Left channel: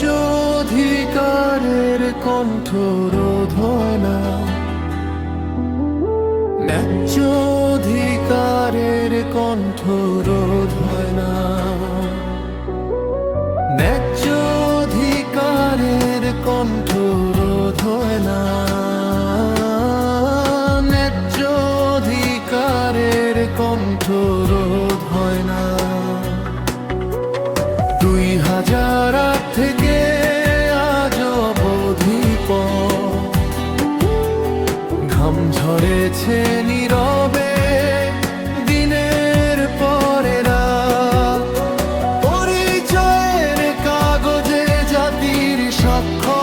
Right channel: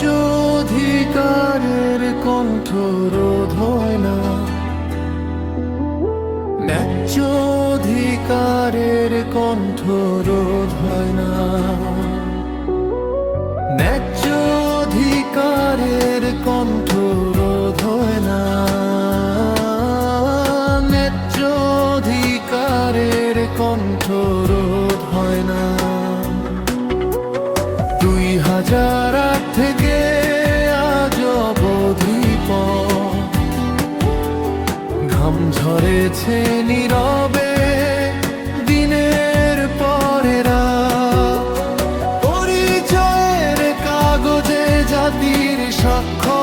ন্যায্য অধিকারের কণ্ঠ রোধ হয় না, ন্যায্য অধিকারের কণ্ঠ রোধ হয় না, ন্যায্য অধিকারের কণ্ঠ রোধ হয় না, ন্যায্য অধিকারের কণ্ঠ রোধ হয় না। 2008 থেকে আজ অবধি ঘাম ঝরেছে নীরবে দিনের পরে রাত, পরিচয়ের কাগজে জাতির স্বাক্ষর,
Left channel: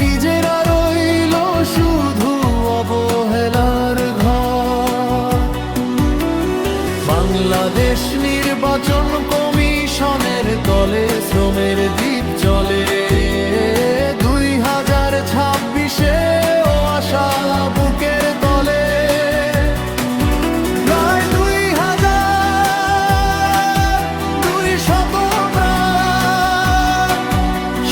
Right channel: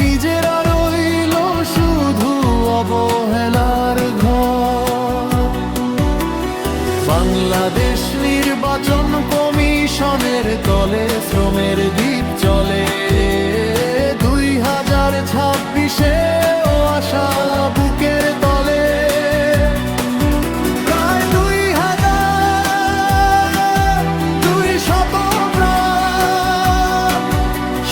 নিজেরা রইল শুধু অবহেলার ঘর। বাংলাদেশ নির্বাচন কমিশনের তলে শ্রমের দ্বীপ চলে, 2026-এ ও আশা বুকের তলে। প্রায় 2200 প্রাণ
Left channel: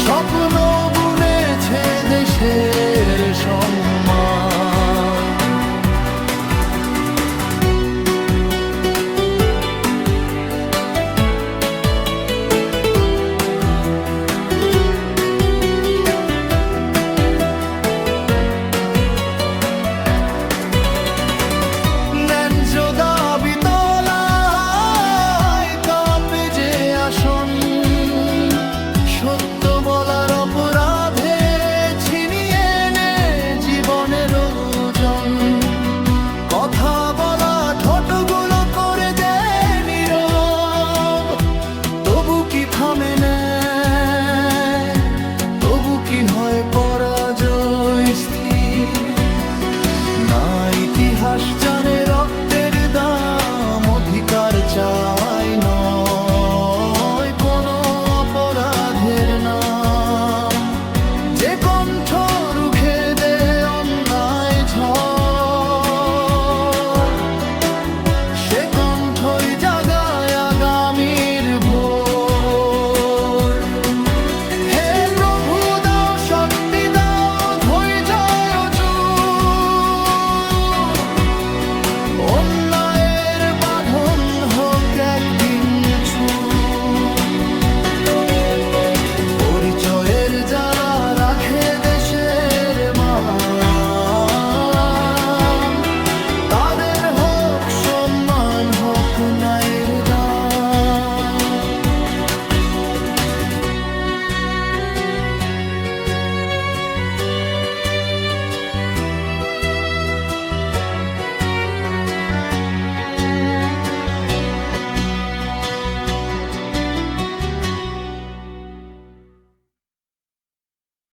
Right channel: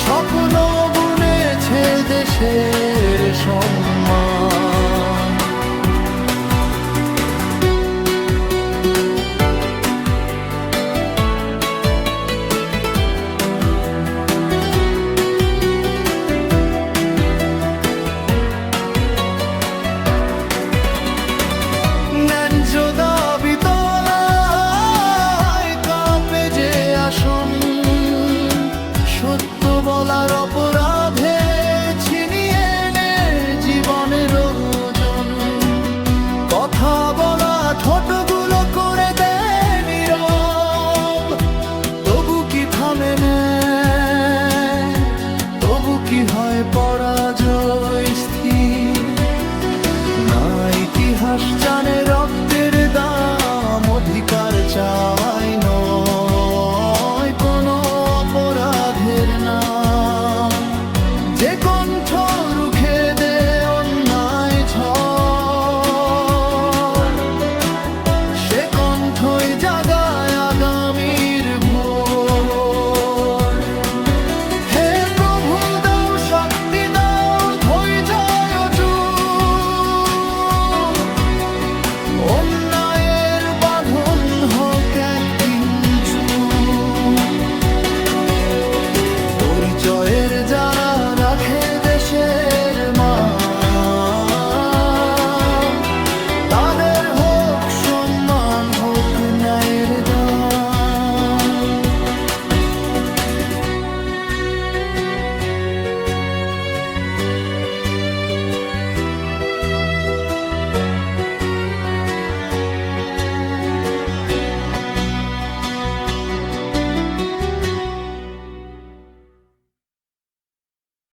স্বপ্ন বুনেছে দেশের সম্মান। ন্যায্য দাবি তলায় কাঁপে যে আসন, সত্য বলার অপরাধে ছিনিয়ে নে জীবনের ওজন। কথা বলা ঠোঁটগুলো করে দেয় নীরব, তবু কি থামে না, তবু কি হয় পরাজয় স্থির। না ইতিহাস জানে রক্তের দাম, অধিকার চাই নয় কোনো অপরাধের নাম। যে কণ্ঠ রুখে দে অন্যায় ঝড়, সে কণ্ঠই জাগায় আগামীর ভোর। হে প্রভু দাও শক্তি, দাও ধৈর্য, অন্যায়ের বাঁধন হোক একদিন ছুঁ। পরিচয়ের যারা রাখে দেশের মান, তাদের হোক সম্মান, হোক ন্যায়ের দান।